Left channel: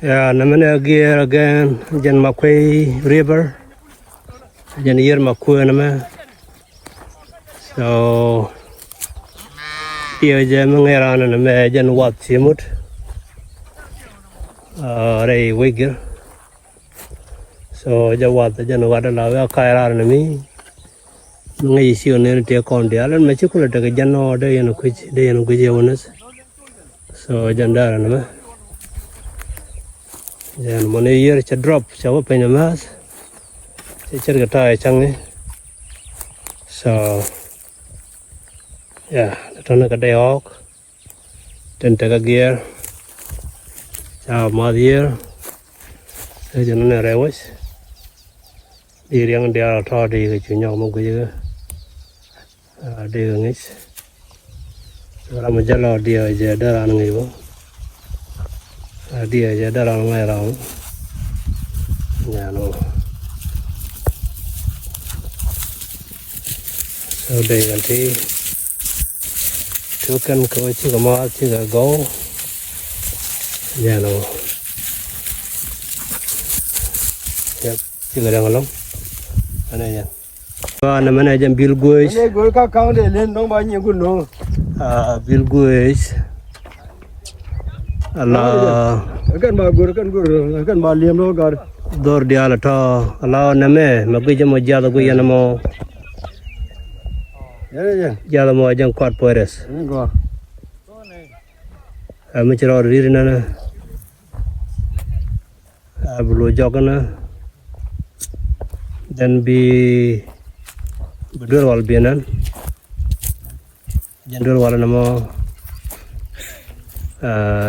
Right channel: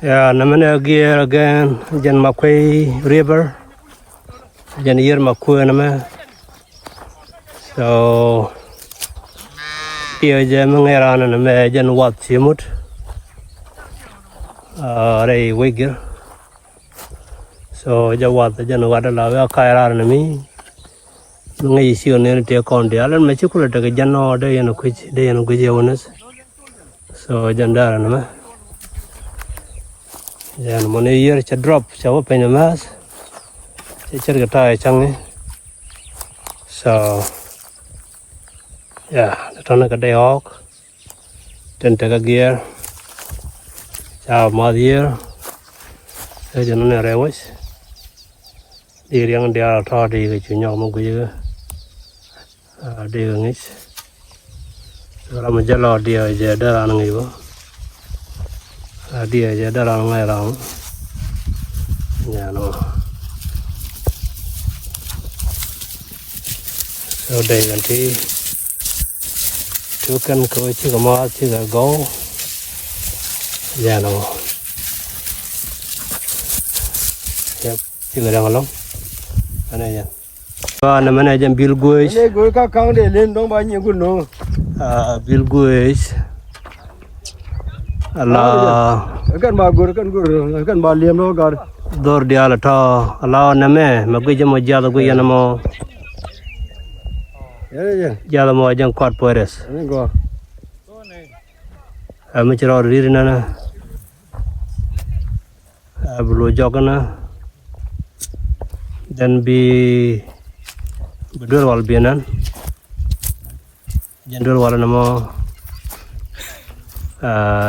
Yeah, namanya gear again, jan Makwe River, jan year Makwe nama. So, dia jan mengeran nama jan wat simut, rei wigir. So, jan wat adalah kairan nami. Mengai isi orang dia kondia, alam macam kulit dekat jan ada yang kuji onas. So, jan darah nama. Jangan mana year cah drop, cah apa ini mas? Cah kita cang ni. So, ya, datang ke Dayok, dan tega gear, cah madyear, saya jangan nerewes. Diri yang dia tahu dia kecunyak mungkin juga, dia ngis. Kalau menjalar dia aja darah nengibu. Dia aja dalam merang, ya no. Sudah nanti, tukan kau cik kemas cik kau, ya no. Ya, cik ada malam, mana ya? Mana jam bil guys? Ini gue kakang deh, lendong banyak gunung. Bil guys. Allah kan baliam lo gar dor dia lata Allah name magi jam jada gue yana mo jada mo jang kwat pores go amechro ririna na ablo jogana dan bi bedur wal bianan jandul wal namo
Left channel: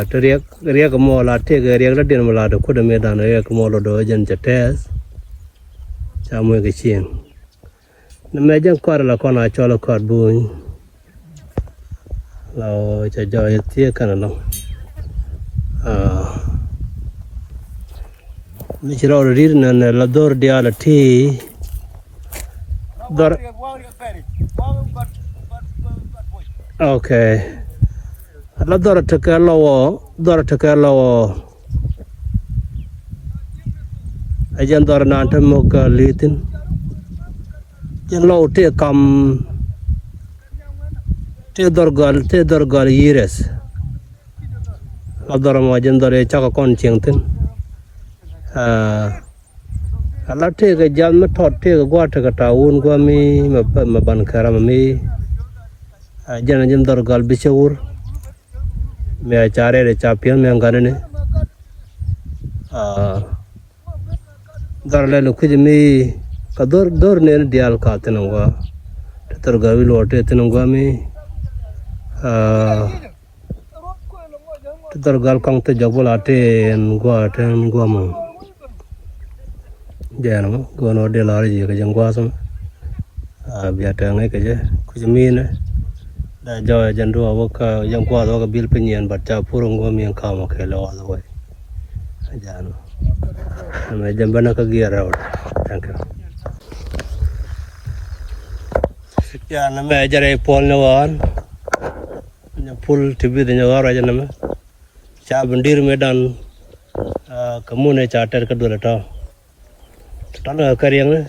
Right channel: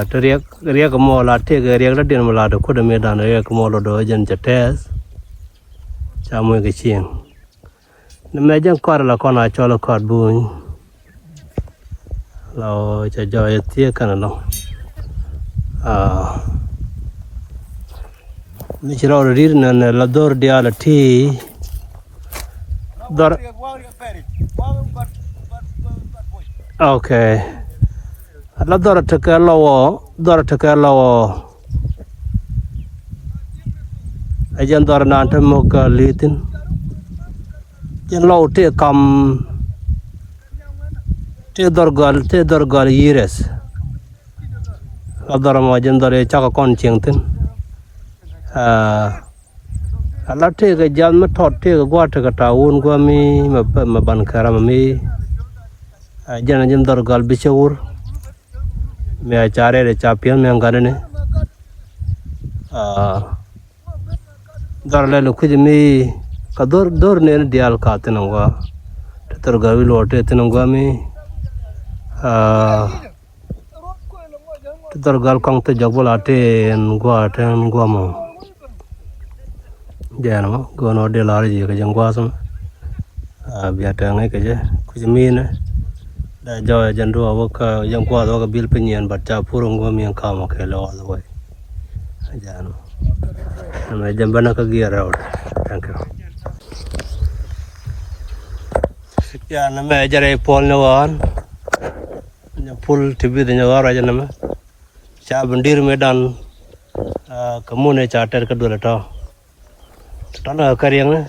teriak kamu latih teriak dah dia melada kuda medan teriak kamu lodo jan cetes camu kecil nama jang kor la kona cola kor bun lo cajo itu kan lo Micro rir na lador dia latih dor okay la dora taka lawo ajan dora nanta moka litin jan lawo te kam te dorgal yires la dora mo jan dora chaka kon chingtin ala te ga jan ma tot te ga gwa ta taun gwa mi ma ban karam mi jan dorgal bichur मैं चारे रे चापियन में अंगारे ने दरले लुखिज में दर ने दियाल काते नंगा तर गवी लोटे ते नंगा में तर गल कंग ते जगबल आते नंगा मो जैन मो गोनो दे लारे जी के जंगवा सम बियाते ngai के जे कुछ में ने dah jauh jandu awak yang kuat awak bil penyian baca purung gua yang kamu kalau awak jangan nama jambana ke gear road thank you ya nama jare pol nawan full tv de nawar aja nama cha bandir medan kamu ne charter ke dua ta tanah karyang ne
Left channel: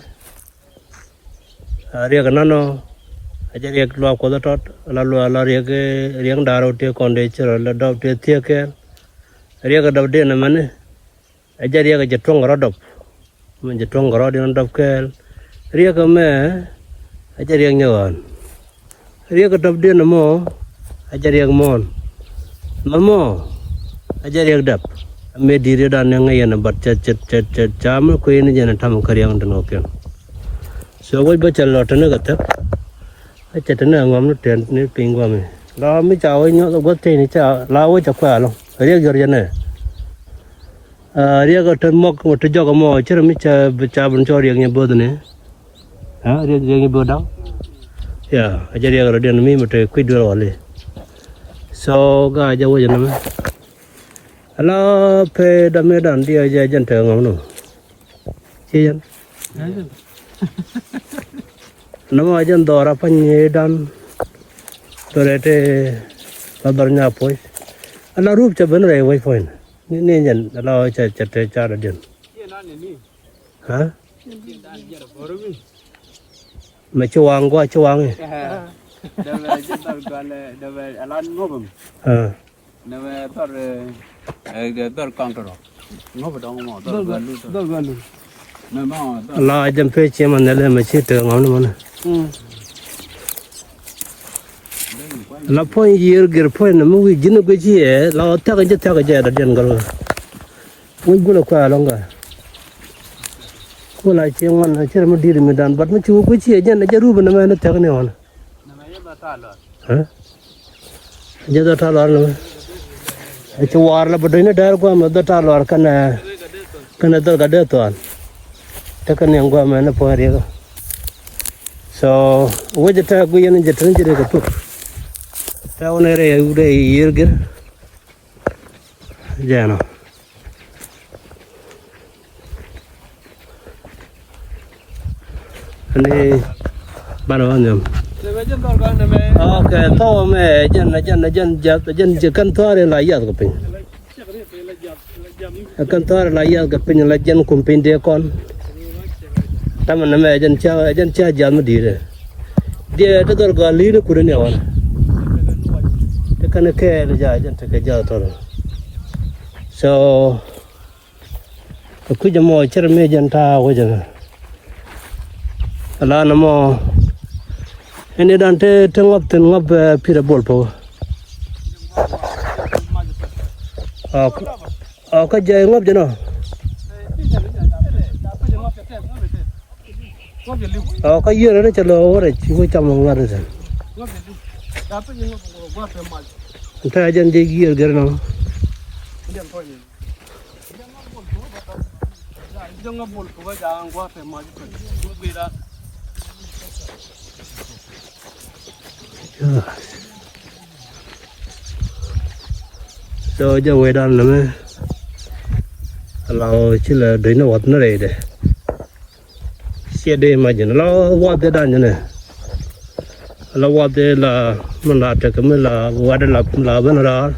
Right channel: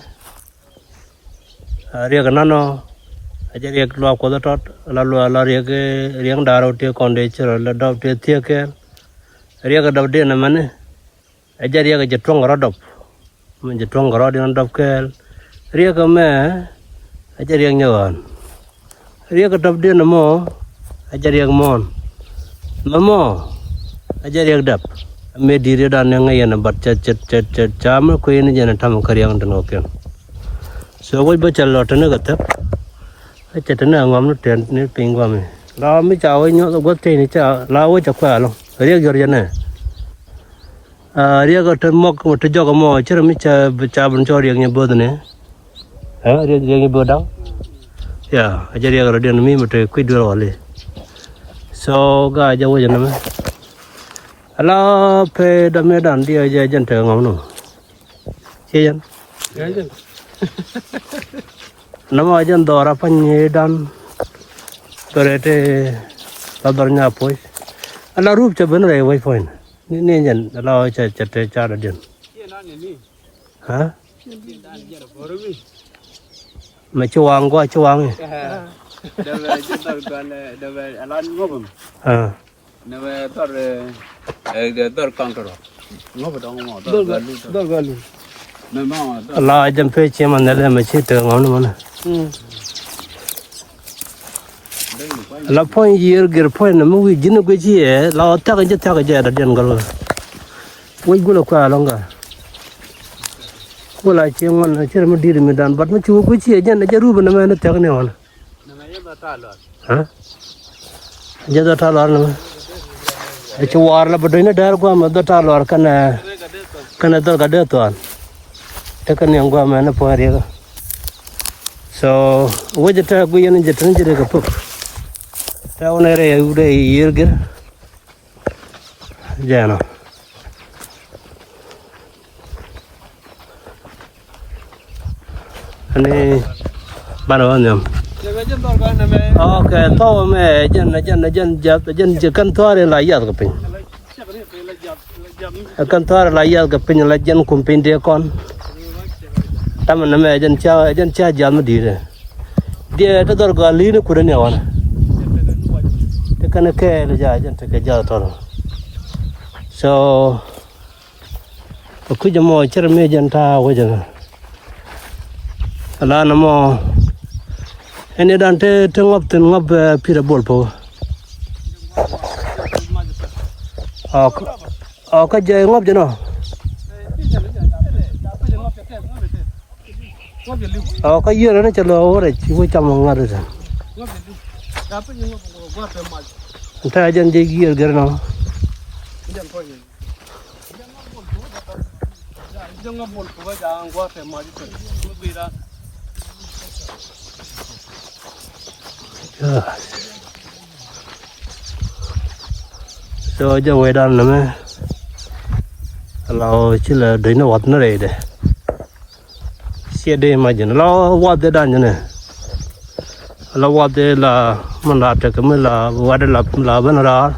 dia kenano ajar yak lo ko tot lalu ala riang daro te konde chero la dop te thia ke riak dop de na mane ajar yak jetong rodop men jetong rod yang dop ke riak me ajar yang nyawan riak dop de na mo ajar yak mon mamo ajar yak dap me dire dan yang ngaya bat chat jam ko ini jana tam karyang dan oke so goi bacal lot na gatap Acha tana ngam no ten ni pingwa me la mi chao nyo go te ni cha la wo cha kwa lo ria gyor jana ria ga tem mok mo te jog mo chira mi cha bun cho ria ngi bod ne ria ngi bodang ya aja ria ga den mi mo te kui dur wale so ga ja wo jana me ala pe da me dan dia ja jan te ngam no che jan nama ajan dora penyedan dorete labarnya poi ala rup ca bener ya wifi Ni jan lo cha cha te cha da din. Hả? Mà chuang quá chuang. À. La jam pe che man le ma che te ngom no na. La pon yer ger pon na mu wi jin ko chi e la ta ga da den gal. Woi gula kwa longa. Gula che ngon che mu dir mi dan bat mu chu ko chi e jan ja ru ba na ma na ta ne wala. Ha? Ja da ta la na. Chu war la ba ne dar ko ma da ta la kana dal ga de to. Te kan yang gua mana po hari ka. So, wajah ta gua yang jatan jere ka pok. Ta one re udah year ger. Jano. Ane baru anyam. Okay, tahu me jan kan tuare la yat ka pin. Kan tuare la yat ka pin la jan kumpin de kon. Taman nama jan cha jam di dia tu tu gali ni kuda ni awan. Tekan ke le jan te ke jauh tu. So aku jamu cermin jan ta wajan. Ala nama ini dan te tengap pira bol po. Aku jaya ngap jano. Cái dưa nó cho lo rồi chỉ có trăm ngàn rồi. Thay dân đi dưa cái nó. Rồi giờ về đàn nữa mà. Lao chỉ là đấy nó vật nó đây đây. Xe đi mà chỉ nó vót tới đàn như này, nó vót tới là mình làm cho cái mình là vót là bên đó.